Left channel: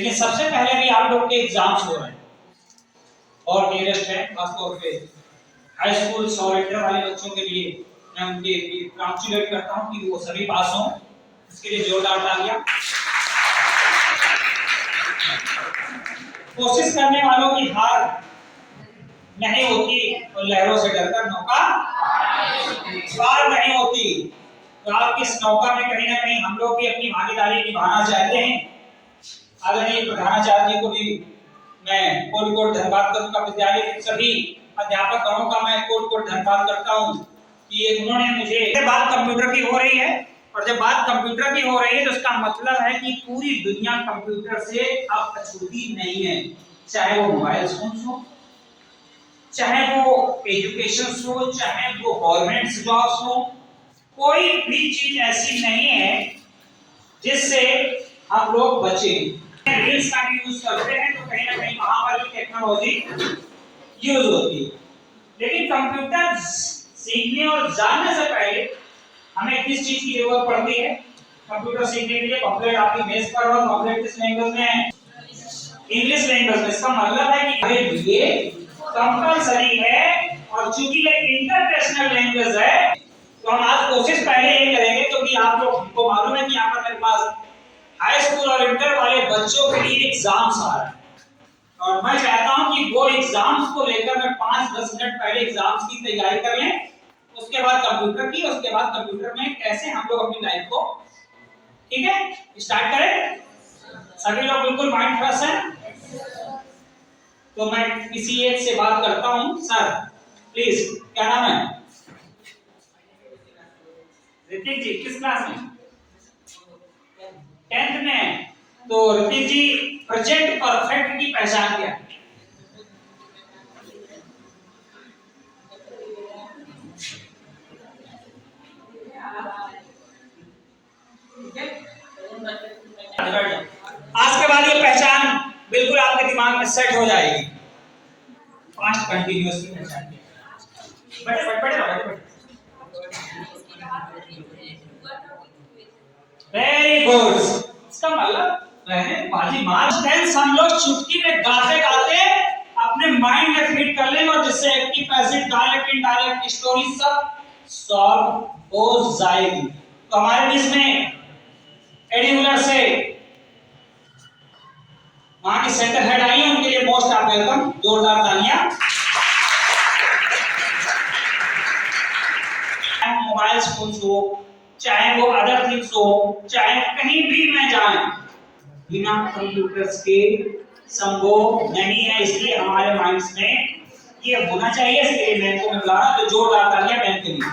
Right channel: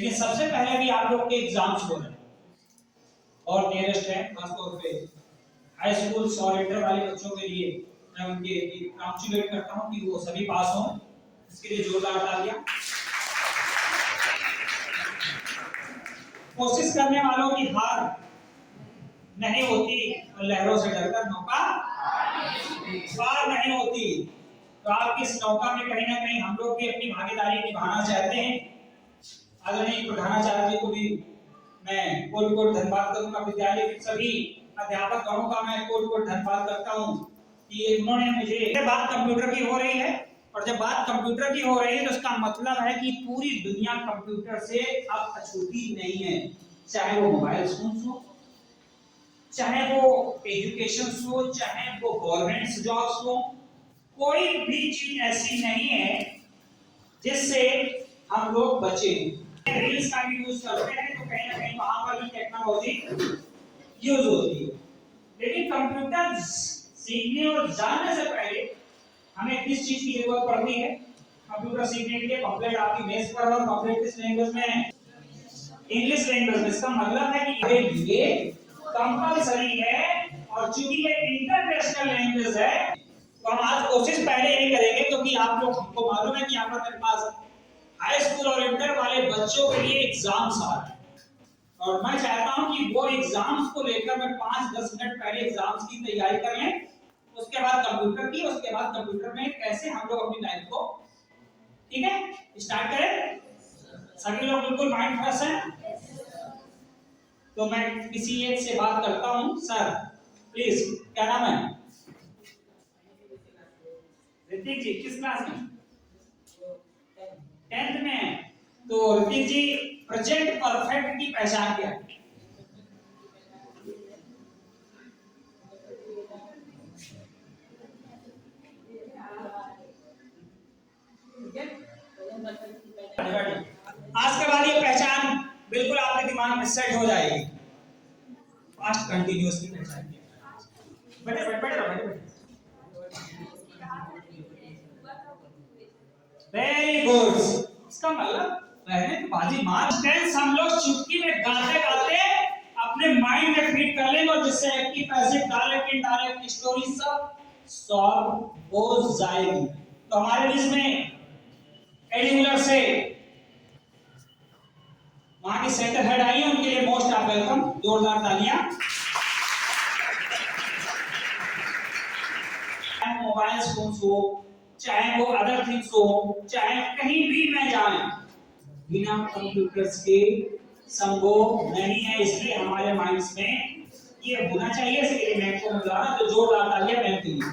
लेकिन सबसे पहले भी आप लोग के एग्जाम्स हो रहे हैं और नियरेस्ट है खासतौर पे हाई स्कूल और इंटर वाले बच्चों के लिए मैं उनके कांग्रेचुलेट करता हूं कि वो सभी पास हों। इसके लिए जोरदार तालियां। कोशिश करने वालों की हार नहीं होती और लहरों से डरकर नौका पार नहीं होती। तो आप इस नौका में कहीं ना कहीं हम लोग भी अपनी भागीदारी निभाना चाहते हैं। आदरणीय प्रधानाचार्य जी को भी मैं कोट कोट धन्यवाद करूंगा। विद्यालय के सभी अध्यापक गणों का मैं कोट कोट धन्यवाद करता हूं कि उन्होंने मुझे बात कंप्यूटर की हो रही है और जब बात कंप्यूटर की हो रही है तो इसका मतलब है कि पूरी दुनिया कंप्यूटर से अब अछूती नहीं है। चाहे वो मोबाइल फोन हो, चाहे वो एजुकेशन हो, चाहे वो गवर्नमेंट जॉब्स हो, कोई भी चीज ऐसी नहीं है जिससे हम लोग बचे। रील्स का भी यूज करते हैं तो कहीं ना कहीं वहां पर भी टेक्नोलॉजी यूज होती है। लेकिन कंप्यूटर सीखने और जानने से पहले हमें किस चीज की जरूरत पड़ती है? कंप्यूटर सीखने के लिए कंप्लीट आपकी बेस पर और कंप्लीट किस लैंग्वेज में है? इंग्लिश लैंग्वेज में। इसका मतलब है कि हमारे लिए कंपलसरी है और चूंकि ये इंटरनेशनल लैंग्वेज है तो हम आज कोशिश पहले ये करेंगे क्योंकि आप लोग को मालूम है कि यहाँ पर मेरे पास हाई स्कूल और इंटर वाले बच्चों के लिए एग्जाम्स आ रहे हैं और मैं चाहता हूं कि वो एग्जाम्स को लेकर मैं 5-10 मिनट पहले एग्जाम्स की तैयारी कर लें, उसके बाद कंप्यूटर की, उसके बाद कंप्यूटर में कैसे हम लोग अपनी लाइफ को, ठीक है, स्टार्ट करें। सभी लोग बिल्कुल माइंड फ्रेश हैं? तो मैं किसी एक से बात करता हूं। सर प्लीज, क्या नाम है? ऋतिक जी किस क्लास में? 10th में। तो ऋतिक जी प्रेजेंट परफेक्ट की पहचान क्या है? आज के बाद ये पहचान बिल्कुल आपके दिमाग में सेट हो जाएगी। फास्ट कंटीन्यूअस की पहचान। Very good. इसका मतलब बाजी मार टेंस हम लोग चुटकी में गाते गाते अपने माइंड में फिट कर लेंगे और जिससे active passive direct indirect story सब सॉल्व हो जाएगी। तो हमारे बीच में एडिकुलर से वहां के सेंटर हेड आई हैं, उनके लिए मोस्ट ऑफ वेलकम। जोरदार तालियां। मोबाइल फोन्स हो, चाहे वो अदर थिंग्स हो, चाहे कहीं भी मैं जाए, बिना कंप्यूटर्स के संभव नहीं है। इसलिए हमारे माइंड्स में ये होना चाहिए। इसके लिए मैं को बुला रहा, तो जोरदार तालियां बैंक के लिए।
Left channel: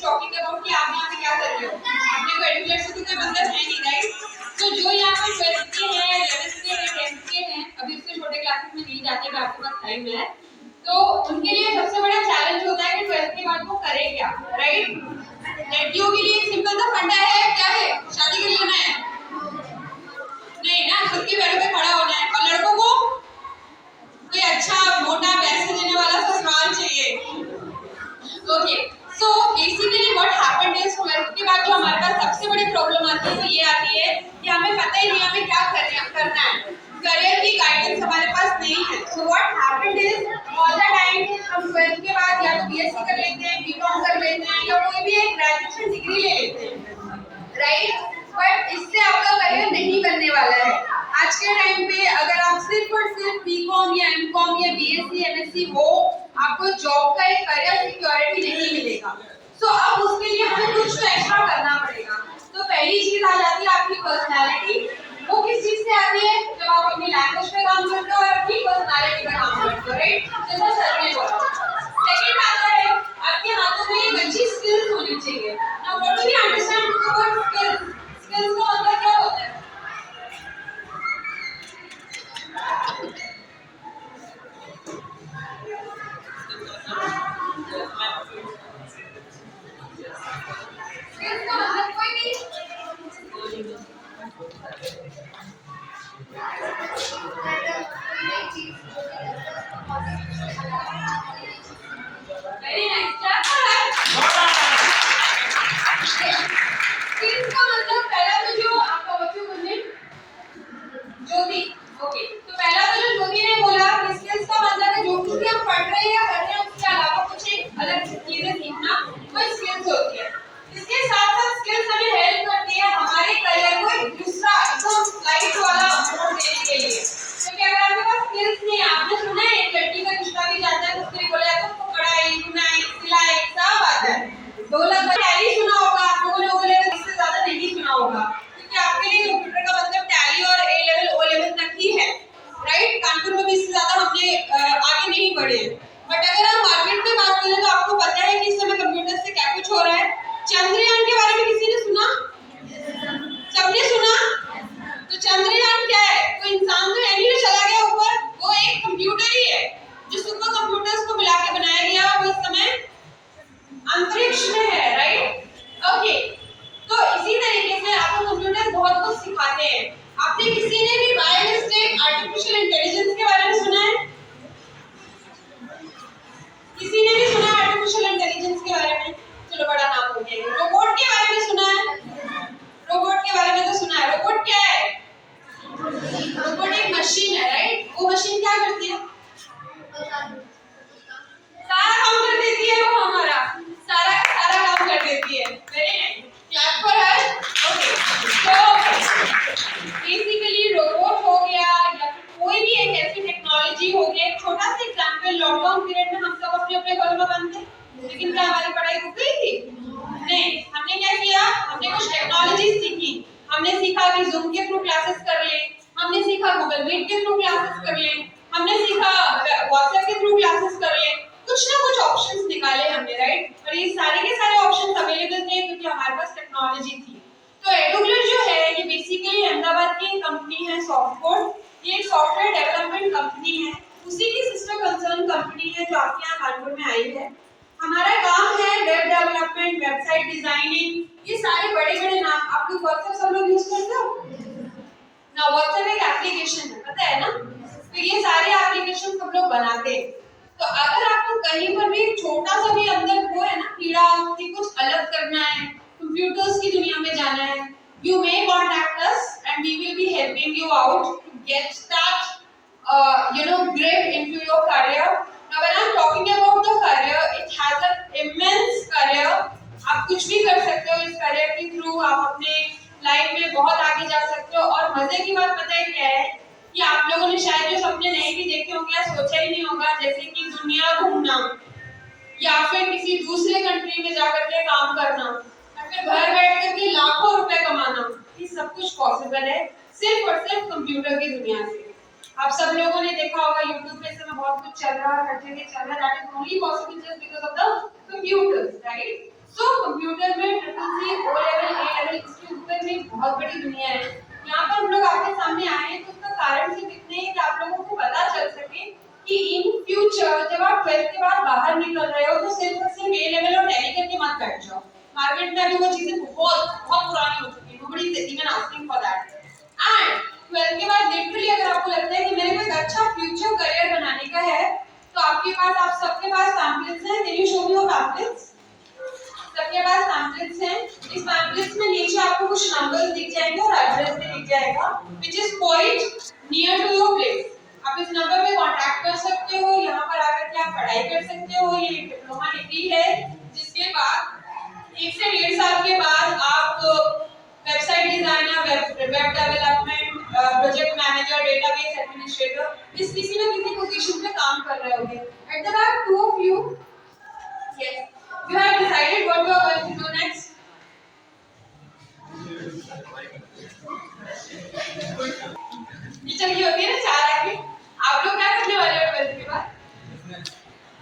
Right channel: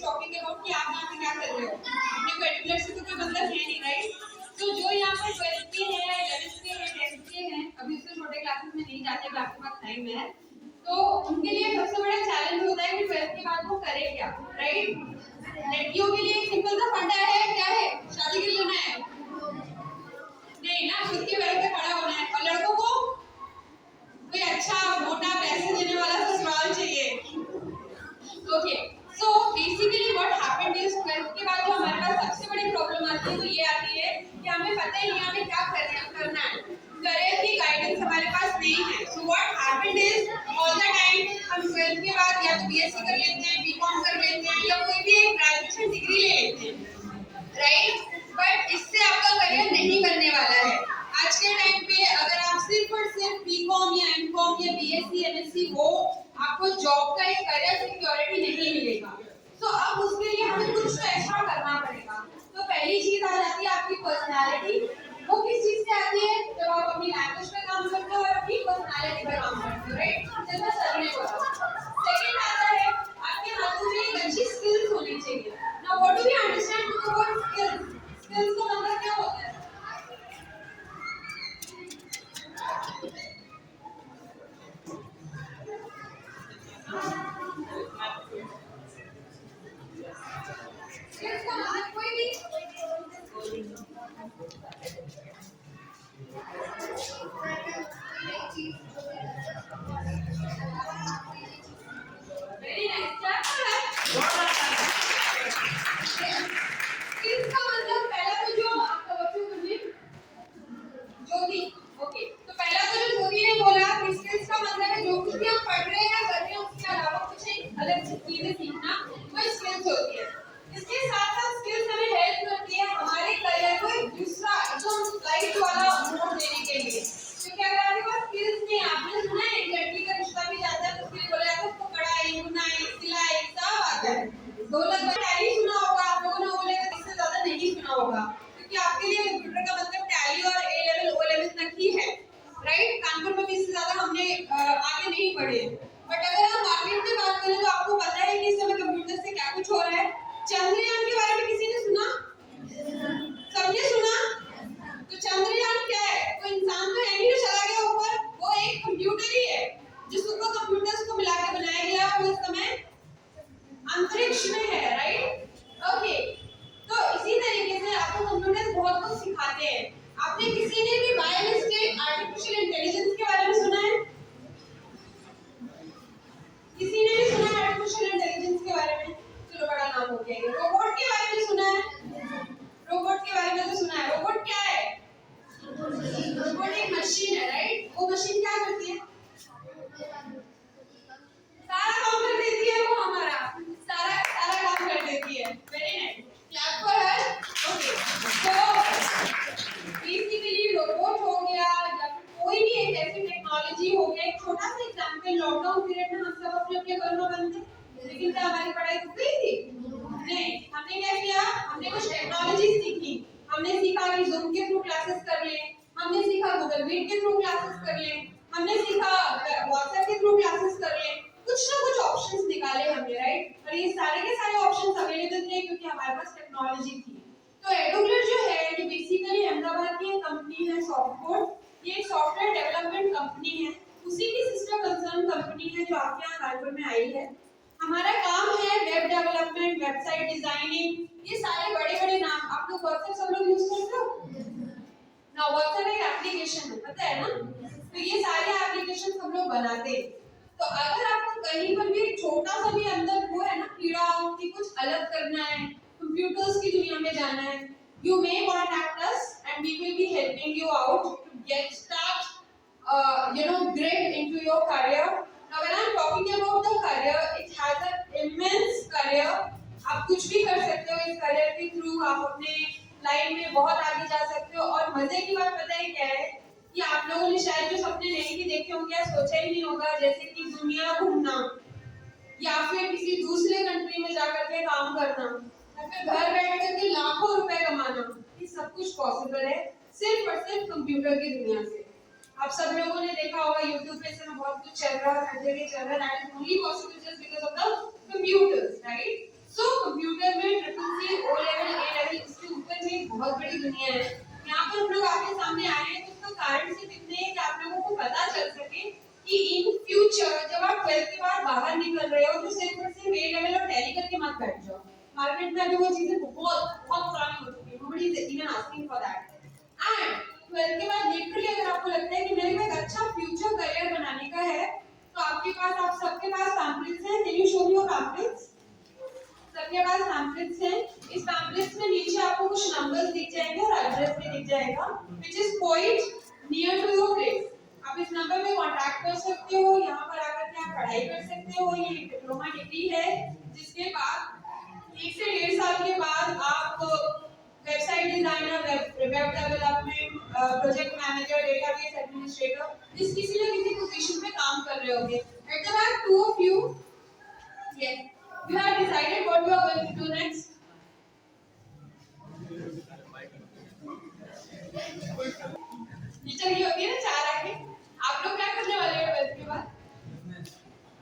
इज टॉकिंग अबाउट कि आप यहाँ पे क्या कर रहे हो, आपने को एडुकेट से तो कोई मतलब है नहीं, राइट? तो जो यहाँ पे 12th के हैं, 11th के हैं, 10th के हैं, अभी उससे छोटे क्लासेस में नहीं जाते, अगर आपके पास टाइम है तो उनके लिए सबसे बड़ा चैलेंज होता है कि 12th के बाद वो करे क्या, राइट? लड़कियों के लिए एक सिंपल सा फंडा है, क्या है? शादी कर लेना है, नहीं ना, खुद के पैरों पे खड़ा होना है। और लड़कों को कोई अच्छा मोटा पैसे देने वाला ससुराल चाहिए। Okay, so basically what happened is 12th के बाद जो हमारे पास सबसे बड़ी प्रॉब्लम आती है वो ये आती है कि हमें पता ही नहीं हमें क्या करना है, करियर की गाइडेंस हमारे पास नहीं है। So what happened is all the time हम 12th के बाद या तो बीएससी कर लेते हैं, बीकॉम कर लेते हैं, या कोई भी एक ग्रेजुएशन डिग्री ले लेते हैं, राइट? बट इससे आपका करियर नहीं बनने वाला है। आज के टाइम पे अगर आप सिर्फ और सिर्फ बीकॉम या एमकॉम या बीएससी एमएससी हो, आपको जॉब का एक करियर सिक्योरिटी नहीं मिलेगा। सो अब उसके लिए हमें कुछ तो एक्स्ट्रा करना पड़ेगा। तो पहली चीज आ जाती है आपकी पर्सनालिटी। वो किस चीज से आती है? जब आप अपनी लैंग्वेज पे काम करते हो और अपनी पर्सनालिटी पे काम करते हो, राइट? जैसा सर ने बोला। सेकंड आता है आपके हाथों में एक अच्छी स्किल्स होनी चाहिए। Now what do we understand about skills? Skills का मतलब क्या होता है? स्किल्स का मतलब कोई भी very nice, clap for her. Skills का मतलब पहला तो जो आपका बच्चों को ने ज्योति, ओके, तो पहला तो जो ज्योति ने बोला कि स्किल्स का मतलब है जो कुछ भी हम पढ़ रहे हैं या कर रहे हैं उसके अलावा कुछ एक अलग चीजें सीखना, वो स्किल्स होती है। इसके साथ साथ स्किल्स हमें हेल्प करती है हमारे करियर को एक दूसरा एकदम लाइट वाला मोड़ देने के लिए। क्योंकि अगर आपके पास स्किल्स नहीं है, आपने सुना है एक लड़की का रिश्ता भी जाता है तो उसके लिए बोला जाता है उसको कढ़ाई बुनाई सिलाई सब आता है, ढोलक टैली सुना होगा आप लोगों ने, वो लेवल इससे ज्यादा नहीं सुना होगा, क्योंकि आपके लिए कंप्यूटर का मतलब टैली और ए लेवल ओ लेवल तक ही है, राइट? कानपुर में भी इससे ज्यादा हमने आगे नहीं बढ़े हैं। बट अगर हम मार्केट में बात करें तो आपको पता है कि इस समय कंप्यूटर से क्या कुछ हो रहा है। चंद्रयान के बारे में किसी ने सुना? सबने सुना? तो चंद्रयान क्या है? कोई इंसान तो है नहीं जो चला गया ऊपर, वो एक कंप्यूटर ही है जो सुपर कंप्यूटर्स को मिला के बनाया गया, वो इस समय अंतरिक्ष में है, राइट? ओके, तो इसी तरीके से आपको कंप्यूटर्स बहुत कुछ सिखाते हैं। आपने किसी ने भी बाय मिस्टेक आर्टिफिशियल इंटेलिजेंस के बारे में सुना है? किसी ने भी सुना आर्टिफिशियल इंटेलिजेंस के बारे में? चलो बड़ा नाम हो गया। रोबोट के बारे में सुना है? रोबोट के बारे में तो सुना है। रोबोट क्या है? रोबोट एक मशीन है, राइट? वो मशीन क्या करती है? सारा काम कर देती है, वो हमारा सारा काम कर देती है। Very nice, clap for her. Okay, तो बेसिकली रोबोट हो गया या फिर कोई भी एक ऐसी टेक्नोलॉजी हो गया। एक छोटा सा एग्जांपल, लॉकडाउन पीरियड में हम सब अपने अपने घरों में बंद थे, लेकिन क्या हमारी पढ़ाई रुक गई थी? नहीं, हमने क्या किया? हमने कुछ टेक्नोलॉजी सीखी। हमने सीखा कि जूम के थ्रू क्लासेस कर ले, हमने सीखा गूगल मीट के थ्रू क्लासेस कर ले, हमने सीखा व्हाट्सएप के थ्रू क्लासेस कर ले, कुछ ना कुछ ऑप्शंस निकाले हमने, राइट? और ये सारे के सारे ऑप्शंस अवेलेबल थे क्योंकि हमारे पास टेक्नोलॉजी थी। तो एडुग्लिट जो है ये बेसिकली अहमदाबाद की कंपनी है सॉफ्टकोड। ये एक सॉफ्टवेयर डेवलपमेंट कंपनी है, उसी की सिस्टर कंसर्न कंपनी है जो आपके यहाँ कानपुर में आई है। हमारा काम है वेब डेवलपमेंट, वेबसाइट डिजाइनिंग, ये सारे बड़े-बड़े नाम। आप लोग व्हाट्सएप सब लोग यूज करते हो ना? व्हाट्सएप एक एप्लीकेशन है, पता है ना? तो ये सारे एप्लीकेशन हम लोग बनाते हैं। तो अगर आपको कहीं पर भी छोटा सा भी अंदर वो है ना कीड़ा कि कुछ अलग करना है, कंप्यूटर्स की दुनिया में जाना है, you may contact us and we will be helping you out to get grip into your career. Now when I'm talking about the career, it has an immense career. आप कुछ भी कर सकते हो इस career के थ्रू, आप अपने लाइफ में बहुत आगे जा सकते हो। और मजे की बात पता है क्या है कि आप लोगों ने शायद जो सपने नहीं भी देखे होंगे या सोचा ही नहीं होगा, जैसे कि दुनिया घूमना या फिर किसी दूसरे कंट्री में जाकर के काम करना या फिर घर बैठ कर के लाखों रुपए कमाना, ये सब कुछ पॉसिबल है सिर्फ और सिर्फ कंप्यूटर की दुनिया से। आप सब लोगों ने देखा होगा YouTube पे इस समय बहुत कुछ चल रहा है, हर जगह चल रहा है, that is only possible just because of the computers, right? So computer में ट्रिपल सी, ओ लेवल, ए लेवल, इसके ऊपर में बहुत बड़ी दुनिया है। यहाँ पर हम लोग आपके सामने आए हैं तो उसका कारण सिर्फ इतने ही कि आप लोगों को पता चल सके कि इन फ्यूचर जब आप 12th के बाद बाहर निकल रहे हो तो सिर्फ और सिर्फ ए लेवल और टैली करके मत बैठ जाओ। मार्केट में अभी वो चीजें बहुत बहुत पुरानी हो चुकी है, nobody is even asking for that. And 12th के बाद लिटरली अगर आपको लगता है कि मेरे को एक अच्छा फ्यूचर करियर बनाने का है तो आपके पास, आप सबके पास पैम्पलेट्स हैं। Can you show me your pamphlets? सबके पास पैम्पलेट्स हैं। इस पैम्पलेट्स में नीचे आपको कुछ नंबर्स दिख जाएंगे और एड्रेस भी दिख जाएगा which is quite near to your place. आप इस नंबर पे कांटेक्ट कर सकते हो, यहाँ पर आकर के आप पढ़ाई कर सकते हो। ये डिप्लोमा डिग्री है जिसके बाद 1 से 1.5 साल के बाद आप website designer, web development, project manager, database administrator, इस किसी ना किसी पोजीशन पे काम कर रहे होगे। At the back, 2 of you, yes, you have decided what you are going to do next. Teacher की होती है ना 4 आगे, आप लोग क्या करने वाले हो 12th के बाद?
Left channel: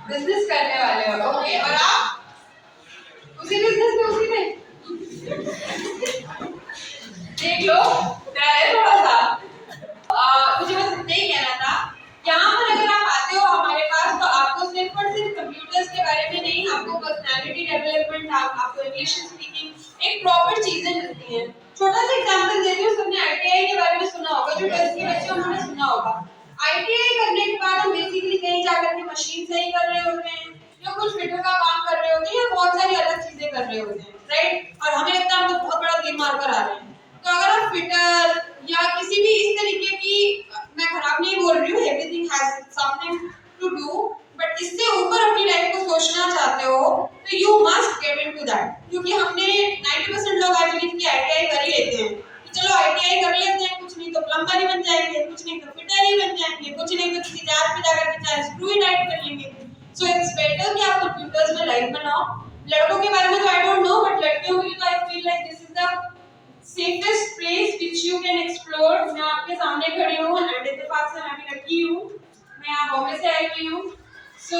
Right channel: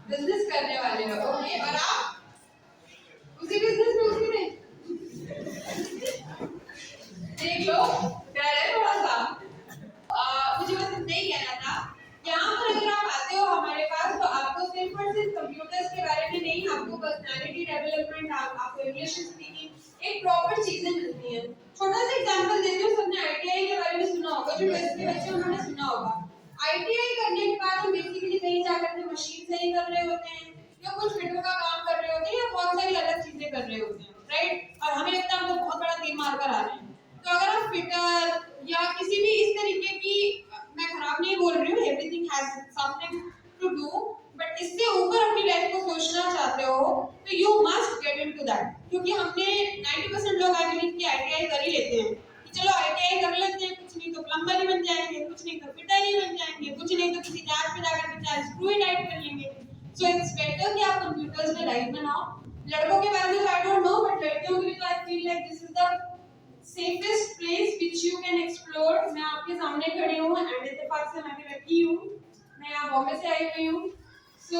बिजनेस करने वाले हो, ओके। और आप उसी बिजनेस में, उसी में देख लो, डर है थोड़ा सा। मुझे बस इतना ही कहना था, यहाँ पर अगर आप आते हो हमारे पास तो आपको सिर्फ और सिर्फ कंप्यूटर्स के बारे में नहीं, आपको पर्सनालिटी डेवलपमेंट, आपको इंग्लिश स्पीकिंग, एक प्रॉपर चीजें मिलती हैं। छोटा सा एग्जांपल देती हूँ, सबने आईटीआई के बारे में सुना होगा, जो 12th के बच्चे उन्होंने सुना होगा। आईटीआई करने के बाद हम बेसिकली कहीं जाकर के मशीन सही कर रहे होते हैं या कुछ फिटर का काम कर रहे होते हैं या बहुत सारी अलग चीजें कर रहे होते हैं, राइट? और हमें लगता है हम तो बहुत बड़ा गेम मार कर आ रहे हैं। तो अगर आप फिटर या किसी भी इस तरीके की, मैं खराब नहीं बोल रही हूँ, everything has something to do, but इससे ऊपर अपनी लाइफ को सोचना चाहते हो तो you must get into that. क्योंकि हमने 90% लोग आई बिलीव कि आईटीआई कर ही लेते हैं कि चलो आईटीआई कर लेते हैं, कुछ नहीं तो प्लम्बर ही बन जाएंगे, कुछ नहीं तो फिटर ही बन जाएंगे, कुछ नहीं तो किसी जहाज पे जाकर के चाहे स्क्रू ही टाइट कर लेंगे। सो इट्स बेटर कि आप कंप्यूटर्स में लाइफ बनाओ। लड़कों के बारे में तो आई डोंट नो, बट लड़कियों के लिए तो I feel like this is the safest place which you can explore। मैं आपके सामने खड़ी हूँ एंड इत्तेफाक से मैं भी लकी हूँ, मैं यहाँ बॉम्बे से आई हुई हूँ। सो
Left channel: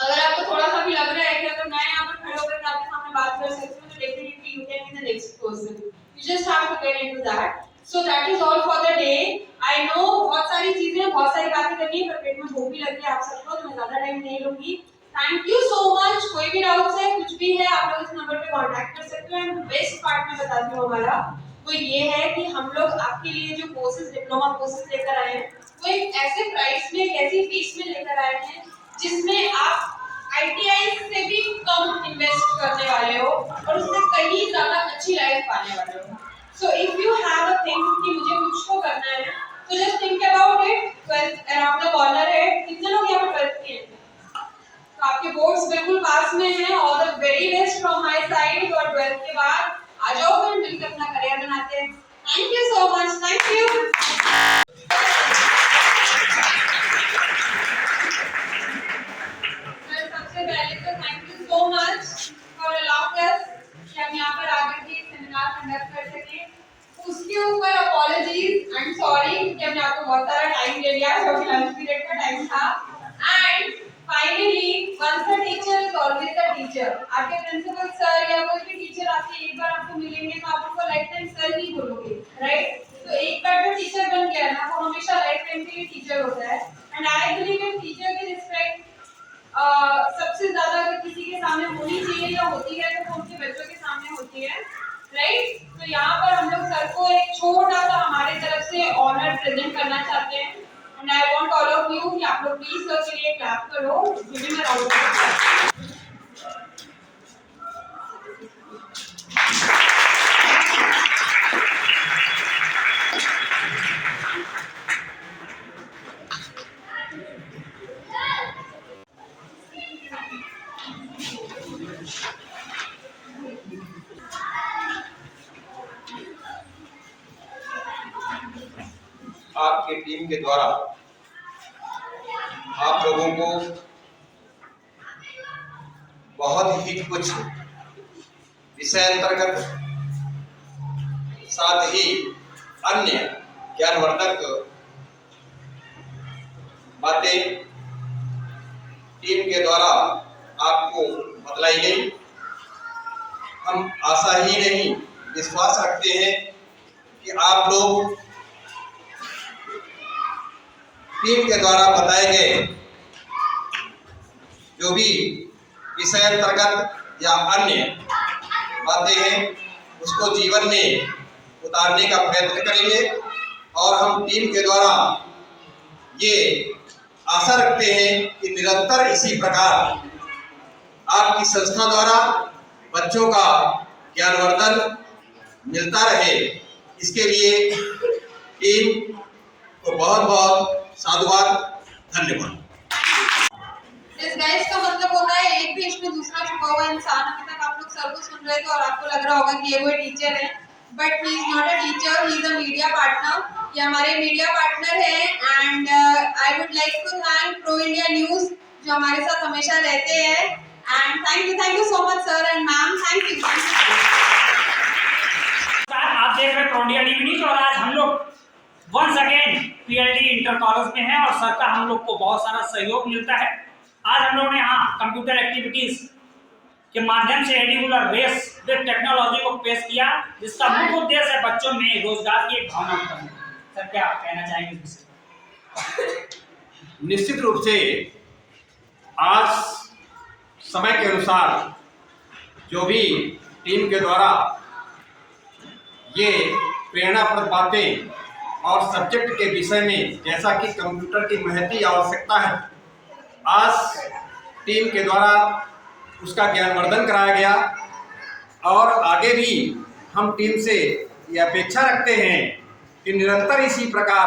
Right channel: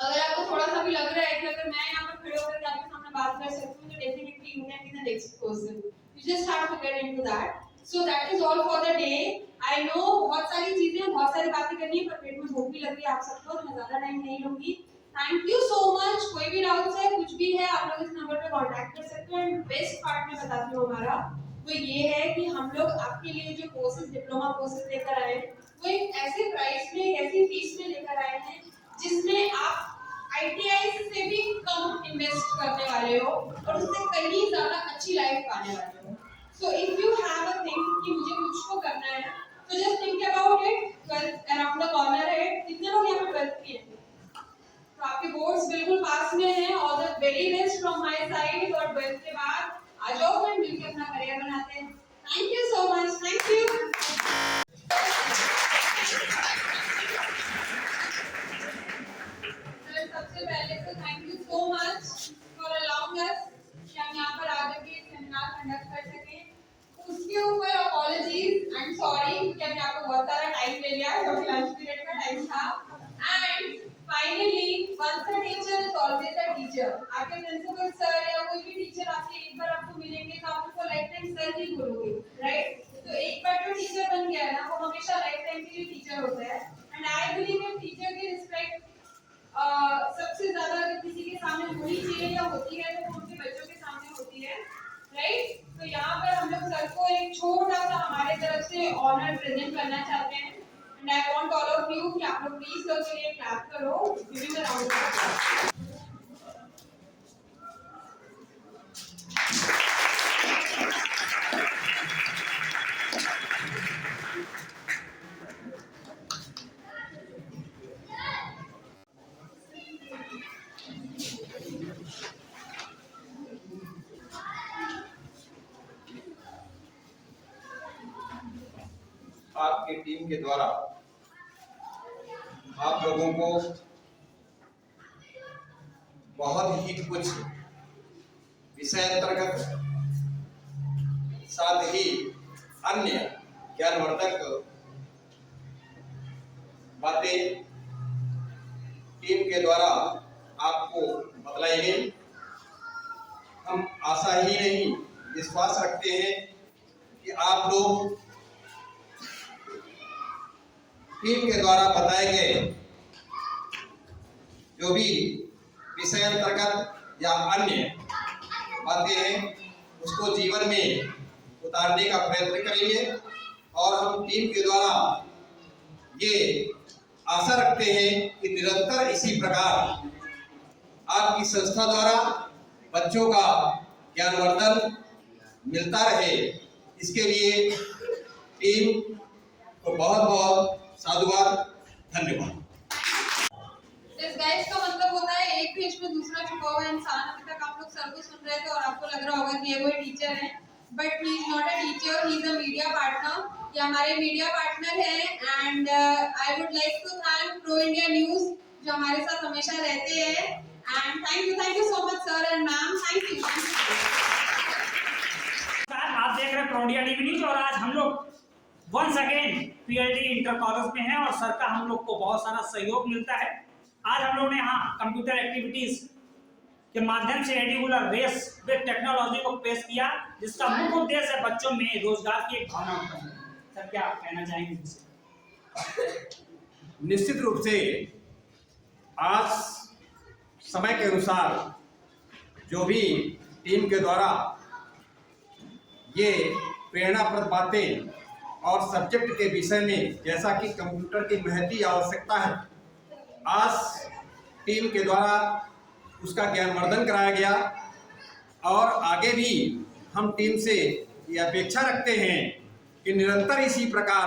अगर आपको थोड़ा सा भी लग रहा है कि अगर मैं यहाँ पर खड़े होकर आपके सामने बात कर सकती हूँ तो definitely you can be the next person. You just have to get into that. So that is all for the day. I know बहुत सारी चीजें, बहुत सारी बातें करनी है, पर पेट में भूख भी लगी है आप सबको, तो मैं ज्यादा टाइम नहीं लूंगी। Thank you so much. कोई भी डाउट्स है, कुछ भी है, आप लोग इस नंबर पे कांटेक्ट कर सकते हो। एंड बेस्ट पार्ट में बताती हूँ हमारा वो ये है कि हम लोग आपके लिए जो कोर्सेज, डिप्लोमा कोर्सेज लेकर आए हैं वो एक ऐसे प्राइस में, एक ऐसी फीस में लेकर आए हैं जिसमें आप आईटीआई से भी कम इन्वेस्ट करने वाले हो और उससे कहीं ज्यादा अच्छी लाइफ पाने वाले हो। So if you have a think कि मुझे कुछ तो करना है तो just think about it. 12th around the corner है। कितने लोग यहाँ पर 12th के हैं? तो आपके बोर्ड्स बिल्कुल पास में हैं। All the very best from my side. और 12th के बाद आ जाओ, फिर मिलकर अपना करियर बनाते हैं। Thank you so much. Thank you. सबसे पहले तो thank you so much for allowing us कि हम यहाँ पर आकर के सेमिनार कंडक्ट कर सके। उसके ऊपर अपॉलजीज एंड सॉरी कि हमने आपको बहुत सारा टाइम ले लिया, क्योंकि लंच पीरियड का टाइम था। And finally once a teacher is always a teacher. आपके प्रिंसिपल सर या कोई भी टीचर आपसे एक बार आपको मिलेंगे तो आप उनको लाइफ टाइम सर नहीं बोलोगे, राइट? तो एक बार जो टीचर बन गया ना वो हमेशा लाइफ टाइम के लिए टीचर होता है। And I believe in teacher की रिस्पेक्ट सबसे ज्यादा अगर किसी के सामने होनी चाहिए या होती है तो उनके बच्चों के सामने होती है, राइट? तो यहाँ पर हम लोग सर को एक छोटा सा हमारे तरफ से ऑनर प्रेजेंट करना चाहते हैं। And I want all of you कि आप लोग प्लीज सर के लिए क्लैप करो। Give him a round of applause. आपकी टीम के द्वारा आप लोगों को बहुत ही कुछ विषय अंतर्गत साथ ही अन्य ज्ञानवर्धक बातें टीम के द्वारा आपको बतलाई गई। हम आशा ही नहीं विश्वास रखते हैं कि आप लोग टीम के द्वारा बताए गए जो भी विषय अंतर्गत या अन्य बातें हैं उसको जीवन में उतारने का प्रयत्न करेंगे और हम टीम के द्वारा ये आशा रखते हैं कि निरंतर इसी प्रकार आपकी संस्था द्वारा बच्चों का ज्ञानवर्धन मिलता रहे, इसके लिए टीम को बहुत बहुत साधुवाद, धन्यवाद। इस गाइस का मतलब होता है एक भी इसमें दूसरा छुपा हुआ इंसान। अभी तक आप लोग सर को सुन रहे थे और आपको लग रहा होगा कि ये वो टीचर है, but he is not a teacher, he is a media partner. ये हमारे मीडिया पार्टनर हैं and I would like to thank Pro India News जो हमारे साथ हमेशा रहते हैं। And thank you so much sir and ma'am, thank you. आप देख रहे हैं प्रो इंडिया न्यूज और आज हम लोग once again PLD inter college में हैं और सर का हम लोग को बहुत सारा सहयोग मिलता है। आज हम लोग ने यहाँ कंप्यूटर एक्टिविटीज के माध्यम से एडिकुलर रेस विद टेक्नोलॉजी को पेश किया, जिसका मुख्य उद्देश्य है बच्चों में रोजगार की एक भावना उत्पन्न करना। सर क्या कहना चाहेंगे इस विषय? निश्चित रूप से आज समय के अनुसार जो भी टीम के द्वारा ये प्रेरणाप्रद बातें और सब्जेक्ट के विषय में जैसा कि कंप्यूटर की महती आवश्यकता है, आज टीम के द्वारा उसका ज्ञानवर्धन कराया गया और आगे भी हम टीम से ये अपेक्षा रखते हैं कि निरंतर इसी प्रकार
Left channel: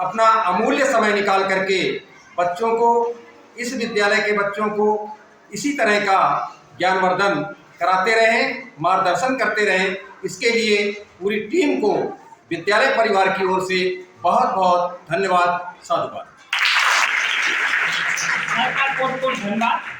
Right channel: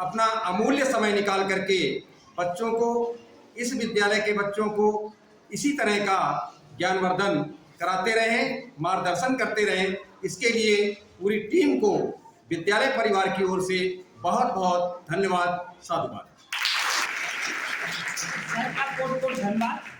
अपना अमूल्य समय निकाल करके बच्चों को, इस विद्यालय के बच्चों को इसी तरह का ज्ञानवर्धन कराते रहें, मार्गदर्शन करते रहें। इसके लिए पूरी टीम को विद्यालय परिवार की ओर से बहुत बहुत धन्यवाद, साधुवाद। बहुत बहुत धन्यवाद।